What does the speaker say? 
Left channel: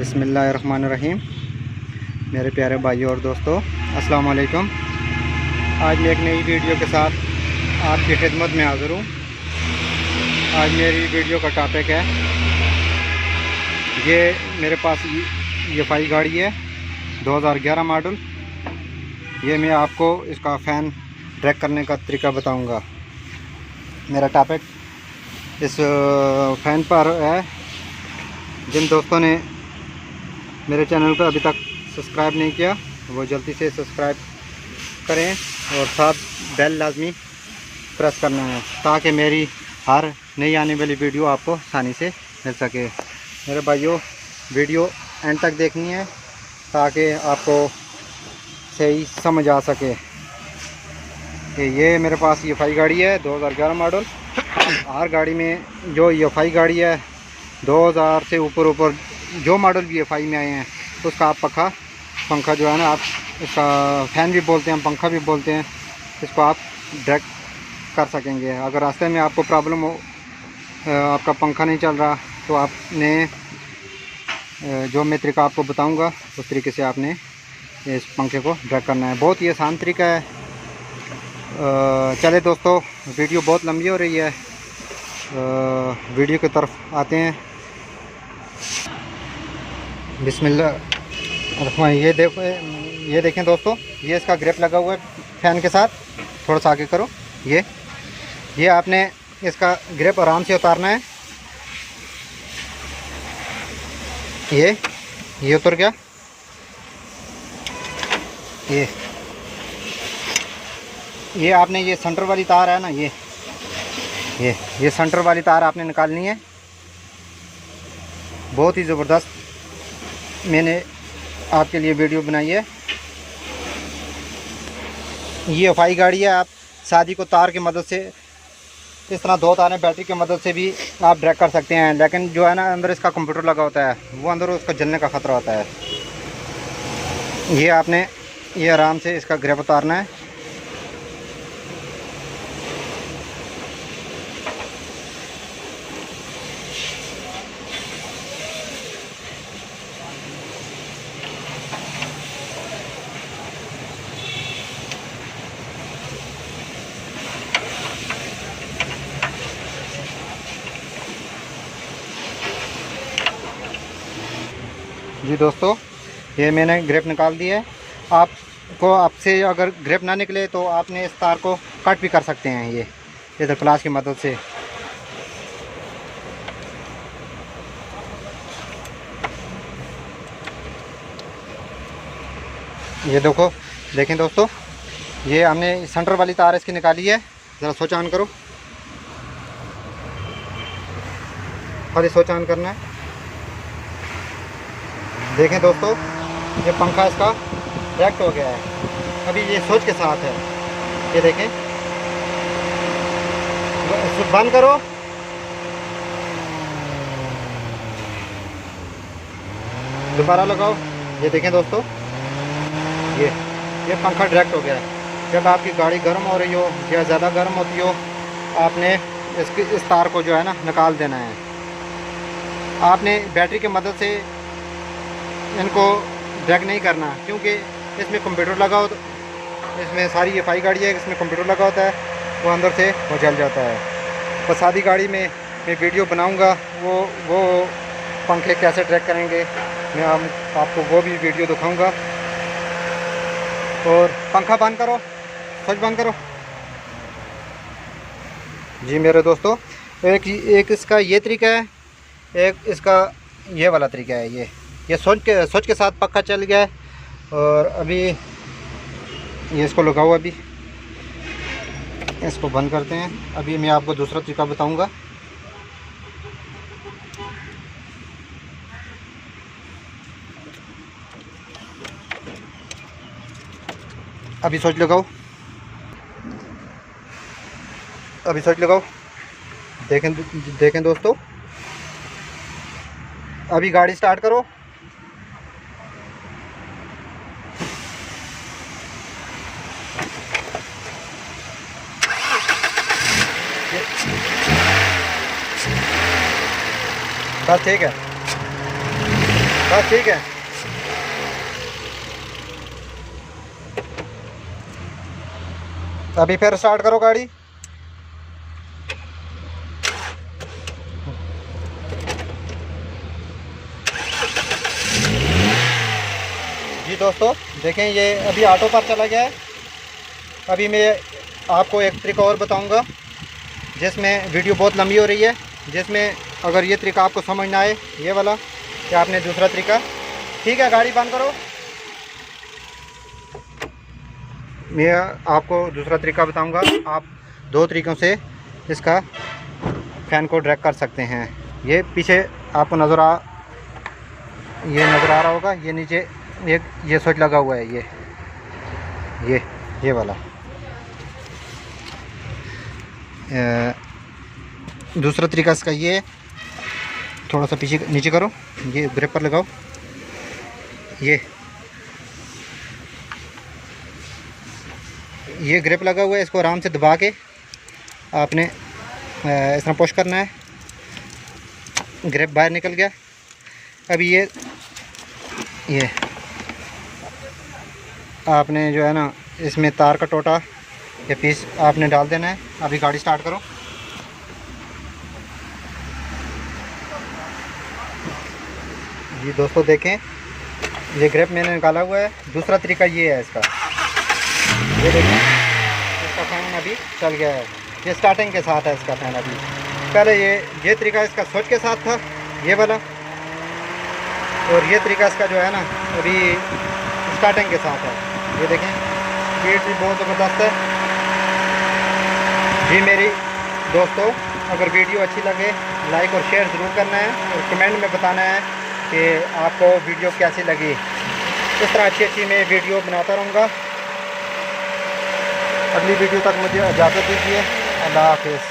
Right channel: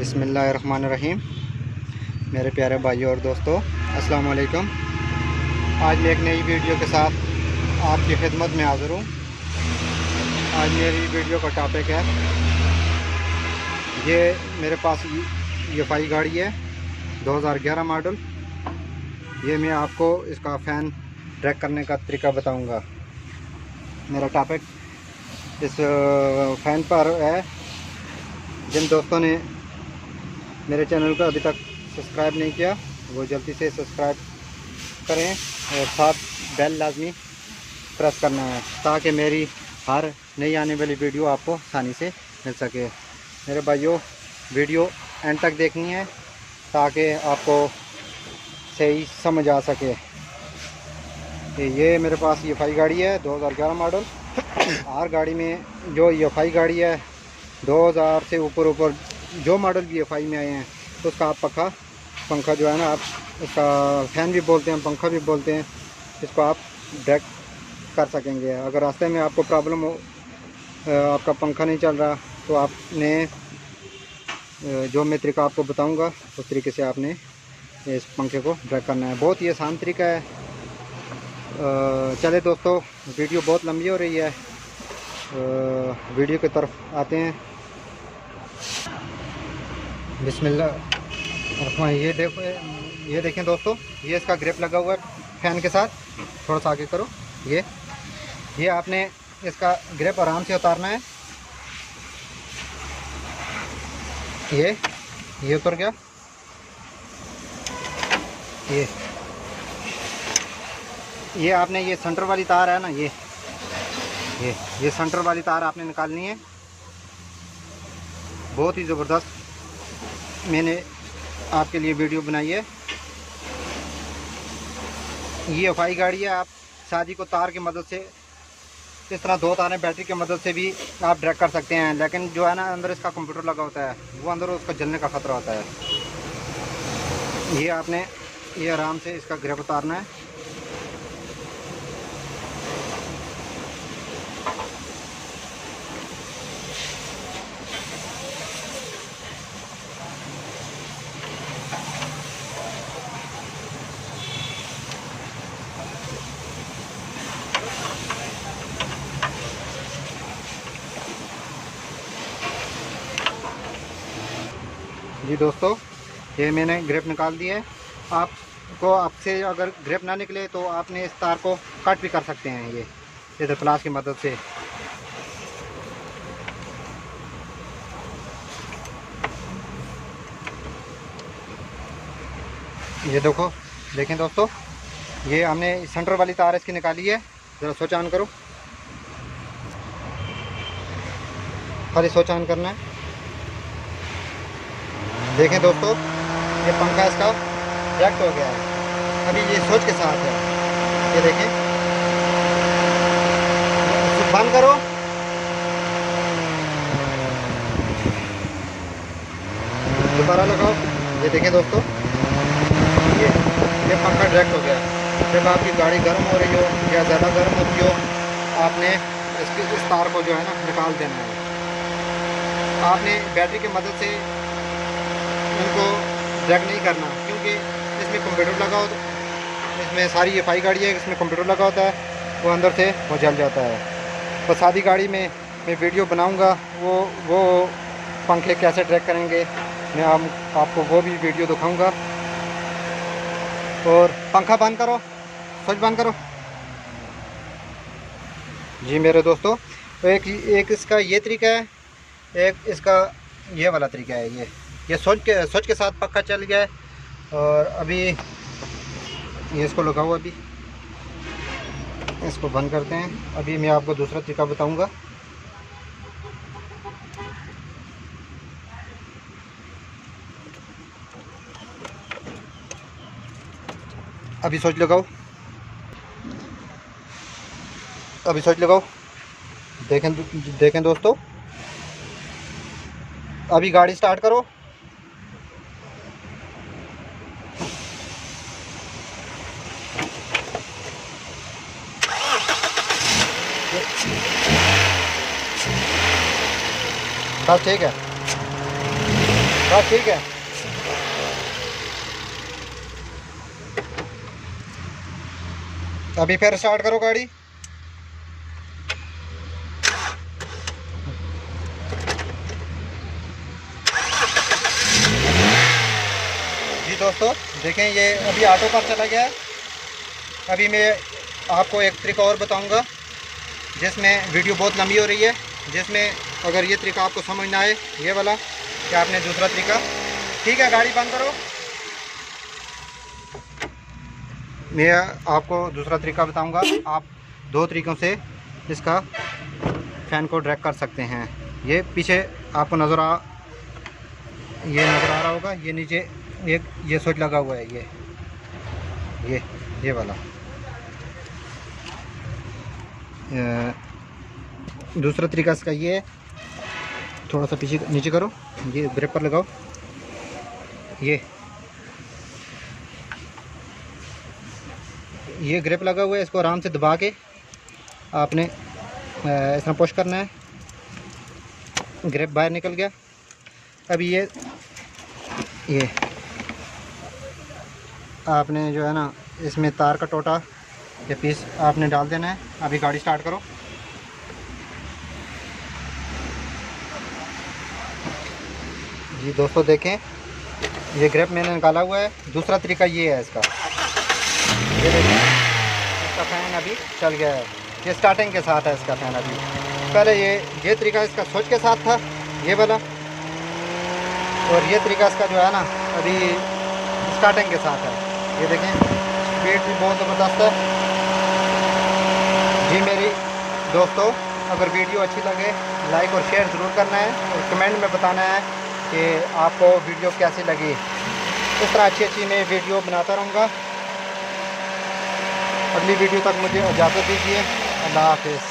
बिस्मिल्लाहिर्रहमानिर्रहीम। मेरे प्यारे भाइयों और दोस्तों, अस्सलाम वालेकुम। आज मैं एक नई वीडियो के साथ आपकी खिदमत में हाज़िर हूँ। आज मेरी वीडियो का टॉपिक है, ये मेरे पास ये फाई गाड़ी है 2011 मॉडल। ये मैं आपको इसका फ़ैन ट्रैक करने का तरीका बताऊँगा। मेरा टॉपिक इस फ़ैन पर है। जिन दोस्तों ने मेरे चैनल को अभी तक सब्सक्राइब नहीं किया वो जल्दी से सब्सक्राइब करें और साथ बेल लाजमी प्रेस करना है ताकि मेरी हर नई आने वाली वीडियो आपको आसानी से मिल सके। मेरे भाइयों, वीडियो एंड तक देखनी है ताकि आपको सही समझ आ सके। ये मेरे पास ये फाई गाड़ी है 2011 मॉडल। हर गाड़ी में जो ये फाई गाड़ी है 2000 से ऊपर जो मॉडल भी फाई में आए हैं उसका आप पंखा जो है ना, आप इसका फ़ैन भी बोलते हैं, पंखा भी बोलते हैं, इसको आप ड्रैग कर सकेंगे। अगर रास्ते में आपको प्रॉब्लम हो, आपका पंखा नहीं चल रहा, तो आपने जो मैं तरीका आपको बताऊंगा उस तरीके से आपने इस पंखे को ड्रैग करना है। बहुत ही आसान तरीका है। चले दोस्तों, वीडियो बहुत लंबी हो रही है, वीडियो की तरफ आते हैं। बिस्मिल्लाह। ये देखें दोस्तों, ये इसका ग्रिप लगा हुआ है फ़ैन के साथ। थोड़ा सा आगे करो। ये आपने इसका ग्रिप आराम से उतारना है। ये उतर गया। ये आपने ये सेंटर वाली तार है ना, ये सेंटर वाली तार आपने निकालनी है। बहुत ही ज़बरदस्त मैंने आपके लिए वीडियो बनाई है। ये फाई गाड़ी है। आप शादी को तार की मदद से, इस तरह दो तारें बैटरी की मदद से भी आप ड्रैग कर सकते हैं, लेकिन जो है ना, अंदर इसका कंप्यूटर लगा होता है, वो अंदर उसका जलने का ख़तरा होता है। ये आपने ये आराम से इसका ग्रिप उतारना है। जी दोस्तों, ये मैंने ग्रिप निकाल दी है। आपसे अगर ग्रिप ना निकले तो आपने इस तार को कट भी कर सकते हैं, ये इधर प्लास की मदद से। ये देखें दोस्तों, ये हमने सेंटर वाली तार इसकी निकाली है। ज़रा स्विच ऑन करो, खाली स्विच ऑन करना है। देखें दोस्तों, ये पंखा इसका रैक्ट हो गया है। अभी ये स्विच के साथ है। ये देखें, स्विच बंद करो। दोबारा लगाओ। ये देखें दोस्तों, ये पंखा डायरेक्ट हो गया है। जब आपकी गाड़ी गर्म हो रही हो या ज़्यादा गर्म होती हो, आपने इस तार को जो है ना निकाल देना है। आपने बैटरी की मदद से इनको ड्रैग नहीं करना, क्योंकि इसमें कंप्यूटर लगा होता है। इसमें सारी ये फाई गाड़ी है, इसमें कंप्यूटर लगा होता है, वो अंदर से वो जल जाता है। तो सादी गाड़ी में मैं वीडियो बनाऊंगा, वो पंखे कैसे ट्रैक करेंगे, मैं आपको वो भी वीडियो दिखाऊंगा। और पंखा बंद करो, स्विच बंद करो। जी मेरे दोस्तों, एक इसका ये तरीका है, एक इसका ये वाला तरीका है। ये स्विच के साथ पक्का चल गया है। और अभी ये इसको लगाओ। अभी इसको बंद करते हैं। अभी मैं आपको दूसरा तरीका बताऊंगा। अभी स्विच लगाओ, अभी स्विच लगाओ। देखें दोस्तों, अभी गाड़ी स्टार्ट करो। बस ठीक है। बस ठीक है। अभी फिर स्टार्ट करो गाड़ी। जी दोस्तों देखें, ये अभी ऑटो पर चला गया है। अभी मैं आपको एक तरीका और बताऊंगा जिसमें वीडियो बहुत लंबी हो रही है, जिसमें अगर ये तरीका आपको समझ ना आए, ये वाला, कि आपने दूसरा तरीका, ठीक है गाड़ी बंद करो। मैं आपको दूसरा तरीका बताऊंगा। आप दो तरीक़ों से इसका फ़ैन को ड्रैग कर सकते हैं। ये पीछे आपको नज़र आ रहा होगा, ये नीचे ये स्विच लगा हुआ है, ये वाला। दूसरा तरीका इसका ये है, थोड़ा सा पीछे नीचे करो, ये ग्रिप पर लगाओ, ये ग्रिप लगा हुआ है, इसको आराम से दबा के आपने इस तरह पुश करना है। ग्रिप बाहर निकल गया। अभी ये आपने जो है ना, इसमें तार का टोटा या पीस आपने डाल देना है। अभी गाड़ी स्टार्ट करो। जी दोस्तों देखें, ये ग्रिप मैंने निकाला हुआ है। दूसरा तरीका ये है इसका, ये देखें, इसका फ़ैन अभी चल गया है। ये स्टार्टिंग के साथ है इसका फ़ैन अभी। पहले ये तरीका इसका स्विच के साथ था, ये वाला, और ये तरीका इसका जो है ना अभी स्टार्टिंग के साथ है। ये देखें, स्पीड भी बहुत ज़बरदस्त है। जी मेरी दोस्तों, अगर वीडियो अच्छी लगे लाइक और शेयर ज़रूर करना है, और कमेंट में बताना है कि आपको वीडियो कैसी लगी। इस तरह अच्छी मैं वीडियो बनाता रहूँगा। अगली वीडियो तक मुझे इजाज़त दीजिए। अल्लाह हाफ़िज़।